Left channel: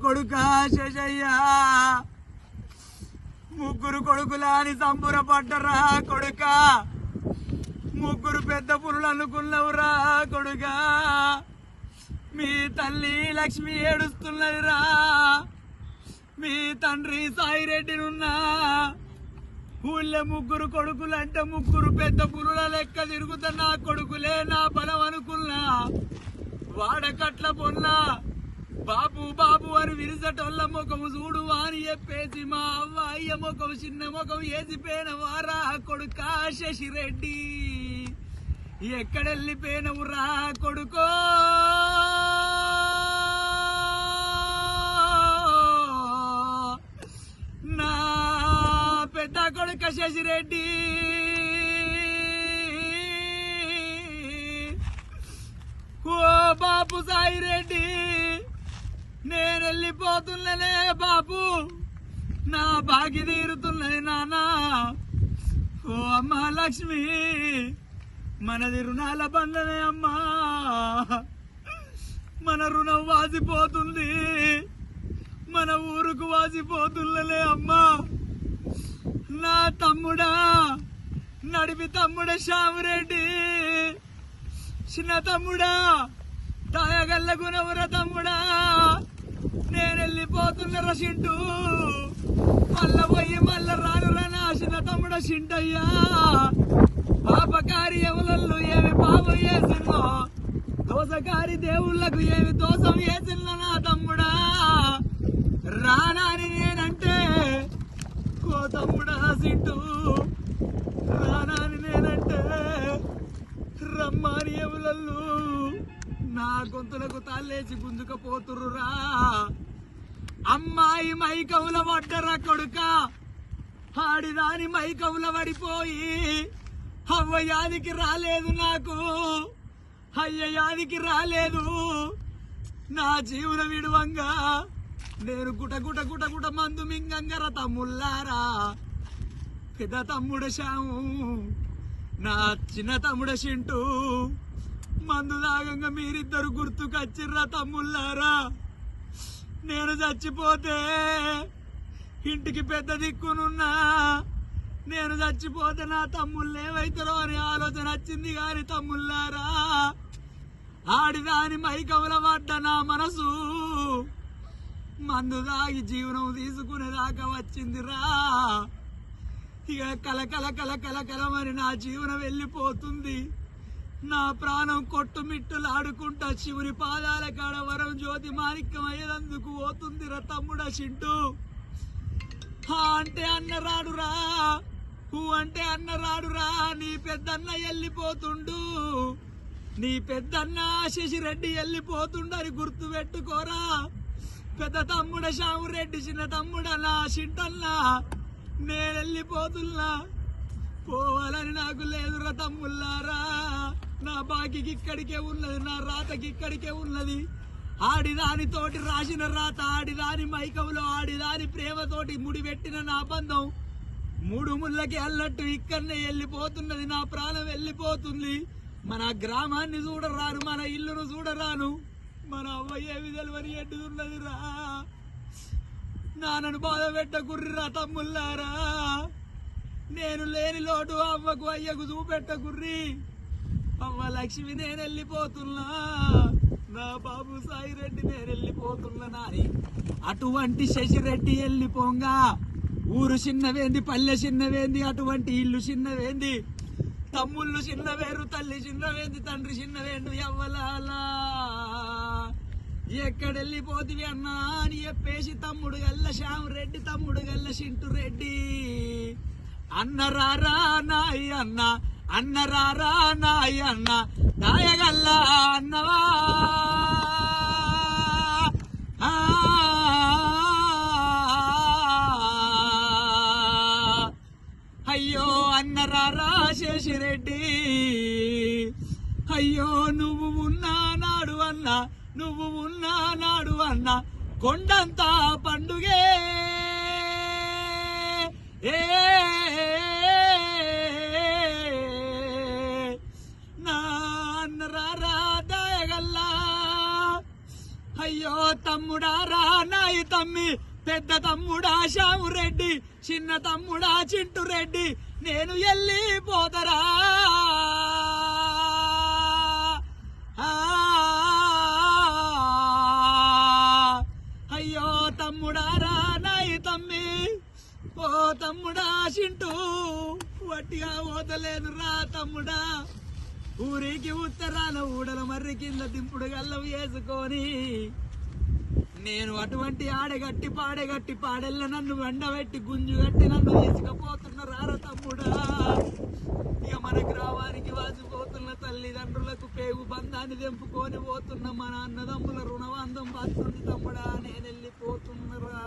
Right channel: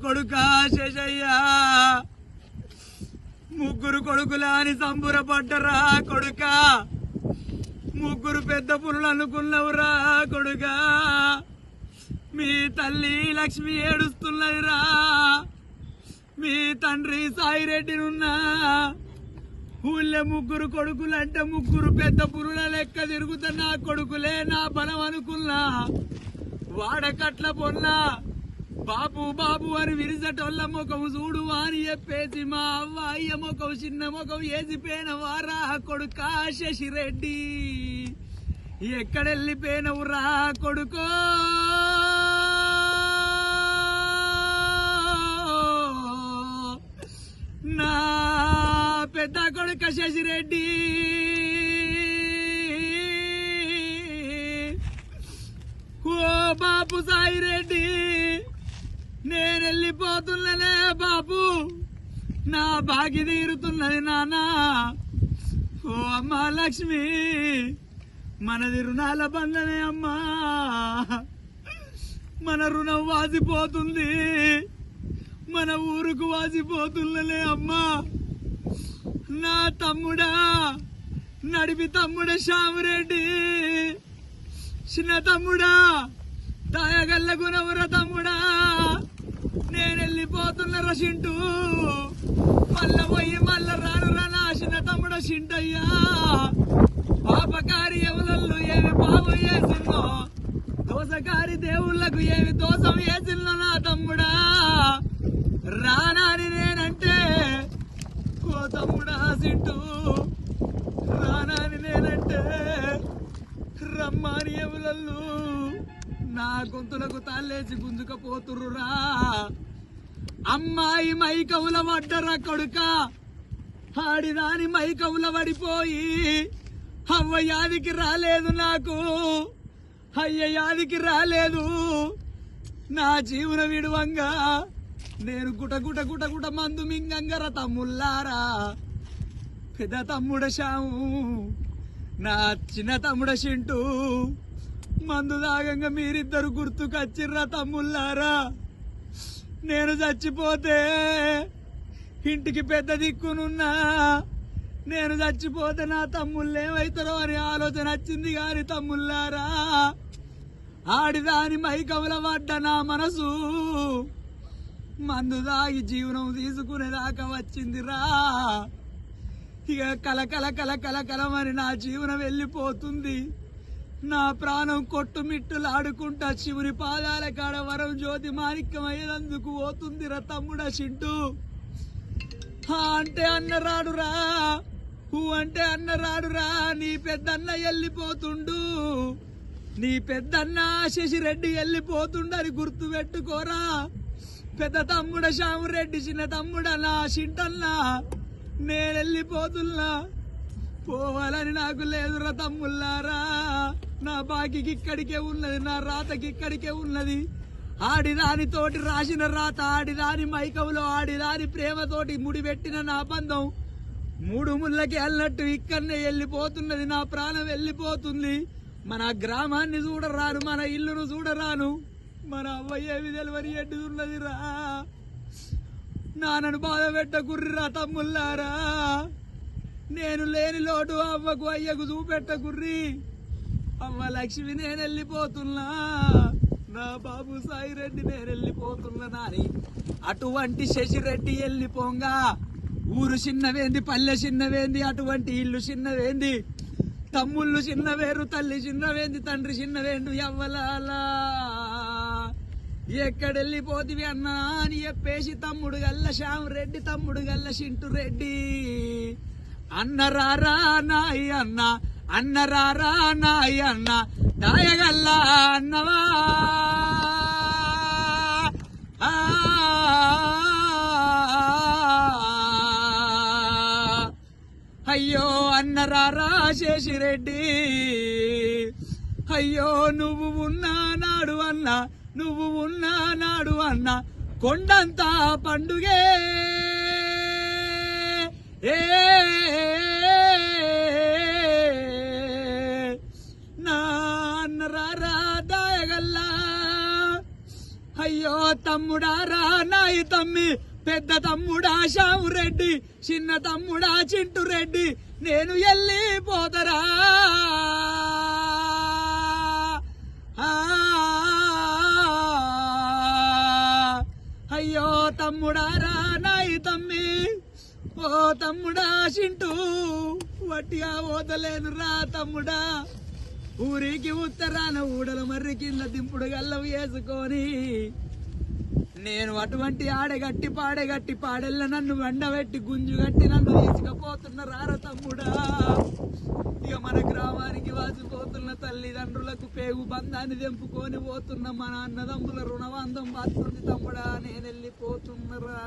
కొడుకా శేషయ్యా ముగ్గురు కొడుకులాని సంబురపడ్డరా కొడుకా ముగ్గురు పెద్ద పురులు అనుకున్నవురా కొడుకా మీ తల్లి లక్ష్మి ఏడుస్తున్నదిరా మీ తండ్రి సాయిరెడ్డినున్నా ఊళ్ళో ముగ్గురు కొడుకులంటే ముగ్గురు పెద్ద పురుల లెక్క తిరుగుతున్న కొడుకులే నా బలం అనుకున్నా వాడకట్ల పొన్నా బాబు బాబు అని విరిసటోళ్ళ ముఖం చూడు అని చెప్పేసి మా అవ్వ అయ్య ముఖం చిన్న ముఖం వేసిపోయిన వారా కొడుకా శశిరెడ్డి ఎక్కడెళ్ళిపోయినవురా కొడుకో నా పెద్ద కొడుక శశిరెడ్డి ఓ బాబు సాయిరెడ్డి నేనెళ్ళిపోతున్ననే బాబు నా బాగి తీరుతున్నది నానా ఓ అమ్మా లక్ష్మి మనది రుణాల బంధనే అమ్మా మన రుణం వాసిపోతుంది మన ఊరుకు వాసిపోతున్నలే అమ్మా నా తమ్ముడా నడిపి తమ్ముడ శ్యామరెడ్డి చిన్న తమ్ముడా తాయగల్లగునవుర తమ్ముడా నేనెళ్ళిపోతున్నరా చింటూ మల్ల పోయి మల్ల రానురా నా చిన్న తమ్ముడ చింటయ్యా పాపకారి ఎవలల్లో ఏమి పాపం చేసిందో దోసకారి దేవుళ్లకు ఏమి దోషం చేసిందో నా తమ్ముడా రానాని నేనంటే ఓ తమ్ముడా చింటూ రానాని నేనంటే రమ్మాని ఎవలల్లు నా గొంతులకు తాళ్ళేసి గుంజుకపోతుర్రురా అమ్మాయి మైకవుల పడ్డరా కొడుక ఆడిదాని మైకవుల పడిపోయి అవ్వ యాదికి రాలేదు నాకు అయ్య యాదికి రాలేదు నా జీవన విడువంగా నేను గుట గుట గుట మందు మింగంగర తమ్ముళ్ళారా పెద్ద తమ్ముడ శాము నా చిన్న తమ్ముడ చింటూ మందు దాగంగా మీరిద్దరు గుర్తుకొచ్చిర్రా తమ్ముళ్ళారా నేను చచ్చిపోతే ఇంటికి పెద్ద దిక్కునున్నా నేను చచ్చిపోతే నా తమ్ముళ్ళు ఏమైతారో అని ఆలోచన వచ్చింది గాని తమ్ముళ్ళారా ఆడిదాని మైకవుల పడ్డ నా మనసు మందు దాగి జీవనం తీసుకునేదాకా వచ్చిందిరా ఇక కలకల కలకల కలమని నా జీవనం వెళ్ళిపోతుంది నా ప్రాణం కొట్టుమిట్టులాడుకుంటా శివుని పాదాల కాడ వరం జ్యోతి మాణిక్యమయ్యేందుకు పోతుందిరా తమ్ముడా చింటూ అంటే అన్నరాడురా అంటే అన్నరాడురా నీ పెద్దన్న వెళ్ళిపోతుండు నీ పెద్దన్న శశిరెడ్డి వెళ్ళిపోతుండని గుర్తు పెట్టుకోరా పెద్ద తమ్ముడ శ్యామరెడ్డి చిన్న తమ్ముడ నా చింటన్నా నేనెళ్ళిపోతున్నా పోవాలని నాకు లేదురా తమ్ముళ్ళారా నా బాకీకి ఇక్కడికే ఉన్నది నా రాతకి ఇక్కడికే ఉన్నది ఆడిదానితోటి రాసిన రాత ఆడిదాని మైకవులో ఆడిదాని ప్రేమతోటి ముడిపెట్టిన నా బంధం మూడు ముళ్ళకి వెళ్ళినట్టు ఇక్కడనే వెళ్ళిపోతున్నది నా ప్రాణం వెళ్ళిపోతుంది మన గ్రామాన్ని చూడరాను మన ఇల్లును చూడరాను మన అవ్వయ్య విధులవని ఎడ్డుతున్నదిరా నాన్నను బాధ పెట్టకుర్రిరా తమ్ముళ్ళారా నేను లేని లోటు అవ్వకు అయ్యకు చూపెట్టకుర్రి అవ్వ లక్ష్మి నేను వెళ్ళిపోతున్నా నా బాబు సాయిరెడ్డి నేను వెళ్ళిపోతున్నా అని అటువంటి శశిరెడ్డి వెళ్ళిపోంగా ఊరు చిన్నవేంది పల్లె చిన్నవేంది అటువంటి ఇల్లు చిన్నవేంది తమ్ముళ్ళు చిన్నవేరు తల్లి చిన్నవేంది తండ్రి చిన్నవేందు ఎవ్వలాలా ఎక్కడెళ్ళిపోతివి అన్నా అని చెప్పేసి తమ్ముడు గల్ల శ్యామరెడ్డి తమ్ముడు గల్ల చింటూ రెడ్డి అన్నరారా నాయి అన్న అన్నరారా నాయి అన్న దాయగల్లా అన్నవా అయ్యో అన్నరారా శశిరెడ్డి అయ్యో నువ్వు ఉన్నా నాడు అన్న నువ్వు ఉన్నా నాడు అన్న కొండంతా పండుగే నా అన్నరారా దాయగల్లా అయ్యో తమ్ముడా రా నాయి తమ్మి, పెద్ద తమ్ముడా శాము రెడ్డి, చిన్న తమ్ముడా చింటు రెడ్డి, నేను వెళ్ళిపోతరా. అయ్యో తమ్ముడా రా నాయి తమ్మి, ఓ తమ్ముడా చింటూ, వట్టిగా పోతలేను రా తమ్ముడా. ఊరికి ఉత్తరాన ఊడల మర్రి కింద దింపుడు గల్లం వేసుకొని నేను అటువంటి ఆడగట్టి పాడెల్ల నన్ను వెండబెట్టి గుంజు కట్టి నన్ను తీసుకుపోతున్న రార తమ్ముడా. ఇక మన గ్రామానికి వాసిపోతున్న తల్లిదండ్రులకు పేగు బంధాన్ని తెంపుకొని పోతున్న మన అన్నదమ్ముల రుణవాంధం బాస్తుంది తమ్ముడా, నేను వెళ్ళిపోతున్నరా.